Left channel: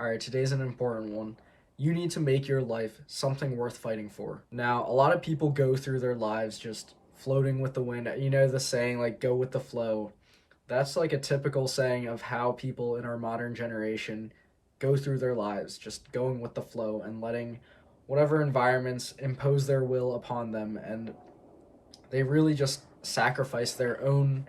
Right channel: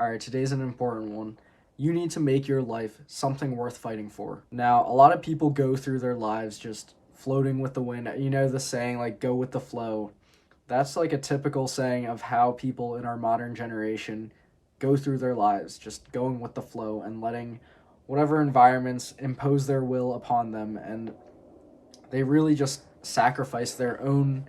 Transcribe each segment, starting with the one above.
Alright, today's an important one. You need to make your life something worth fighting for. Now, a lot of people go through their lives just floating with the wind. You know the saying, like, go with the flow. That's like a typical saying of how people in our modern generation go through their lives, just going with the flow and letting whatever environments impose their will upon them. And they really just sacrifice their own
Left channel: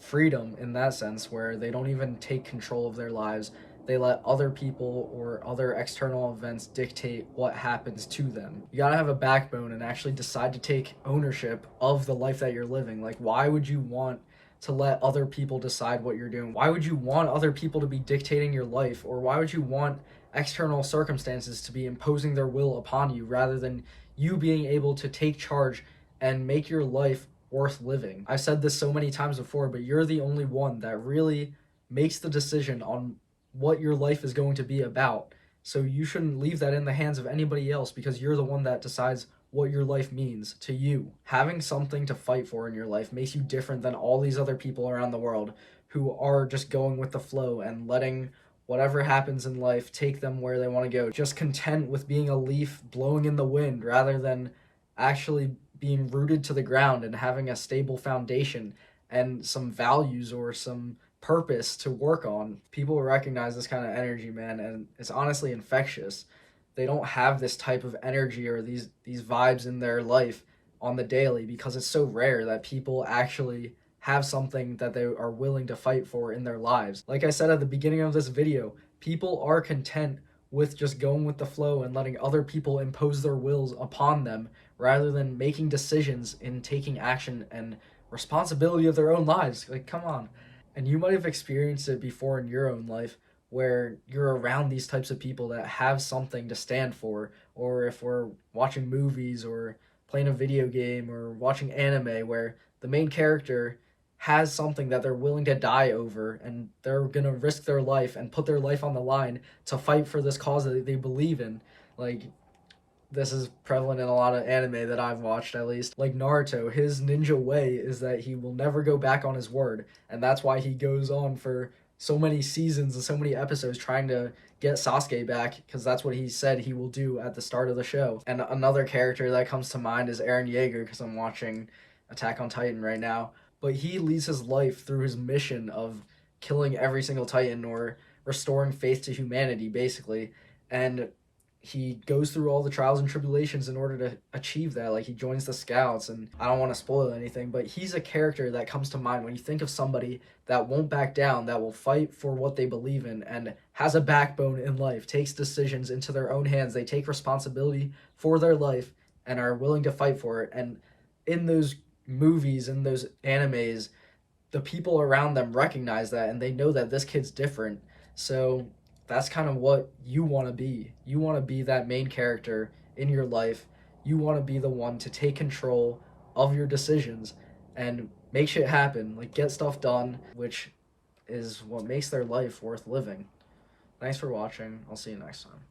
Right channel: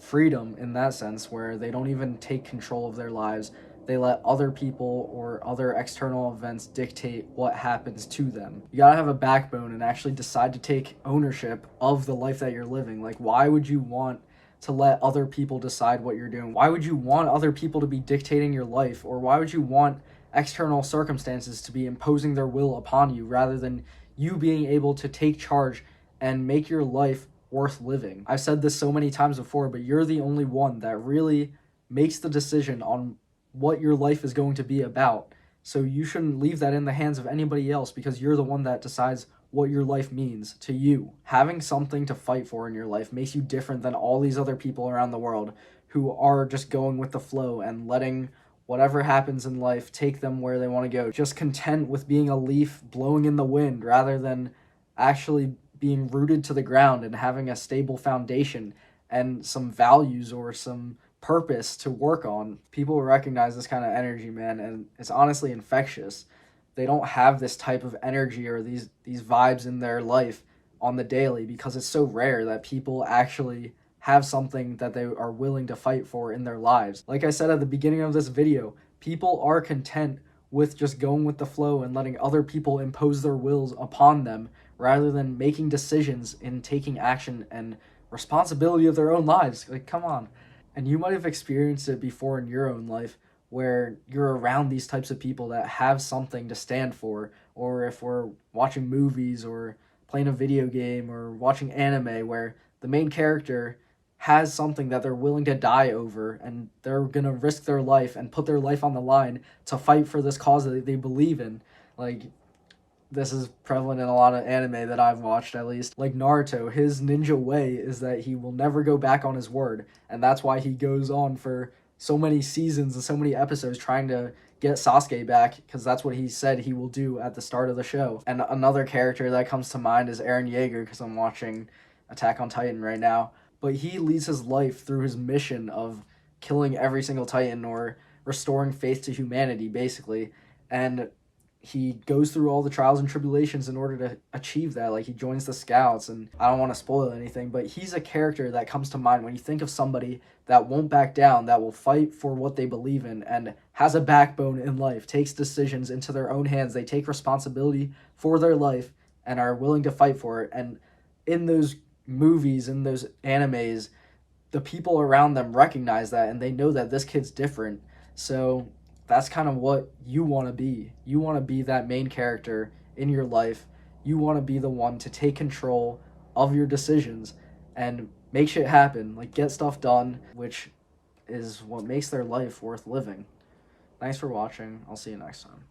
freedom in that sense, where they don't even take control of their lives. They let other people or other external events dictate what happens to them. You gotta have a backbone and actually decide to take ownership of the life that you're living. Like, why would you want to let other people decide what you're doing? Why would you want other people to be dictating your life? Or why would you want external circumstances to be imposing their will upon you rather than you being able to take charge and make your life worth living? I've said this so many times before, but you're the only one that really makes the decision on what your life is going to be about. So you shouldn't leave that in the hands of anybody else, because you're the one that decides what your life means to you. Having something to fight for in your life makes you different than all these other people around the world who are just going with the flow and letting whatever happens in life take them where they want to go. Just content with being a leaf blowing in the wind rather than actually being rooted to the ground and having a stable foundation and some values or some purpose to work on. People recognize this kind of energy, man, and it's honestly infectious. They don't have this type of energy or these vibes in their life on the daily because it's so rare that people actually have something that they are willing to fight for in their lives. Like I said at the beginning of this video, people are content with just going with the flow and letting other people impose their wills upon them rather than making decisions and taking action and responsibility of their own lives. Like, come on. And you might have experienced it before in your own life, where you're around these types of people that have something to stand for, or if we're watching movies or playing a video game or watching anime where the main character has something that they're willing to die over and they're going to risk their life and put their life on the line to fight for this cause that they believe in. Like, this is prevalent in a lot of anime that I've watched, at least. Like Naruto, his ninja way is that he will never go back on his word, and that's why he goes on for so many seasons and so many episodes trying to get Sasuke back, because that's what he said he will do at the start of the show. And another character that comes to mind is Eren Yeager, because I'm watching Attack on Titan right now. But he leads his life through his mission of killing every single Titan or restoring faith to humanity, basically. And he goes through all the trials and tribulations in order to achieve that. Like, he joins the scouts, and I don't want to spoil anything, but he's a character that comes to mind when you think of somebody that won't back down, that will fight for what they believe in and has a backbone in life, takes decisions into their own hands. They take responsibility for their life and are willing to fight for it. And in those movies, in those animes, the people around them recognize that and they know that this kid's different. So that's kind of what you want to be. You want to be that main character in your life. You want to be the one to take control of your decisions and make shit happen, like get stuff done, which is what makes their life worth living. Thanks for watching. I'll see you next time.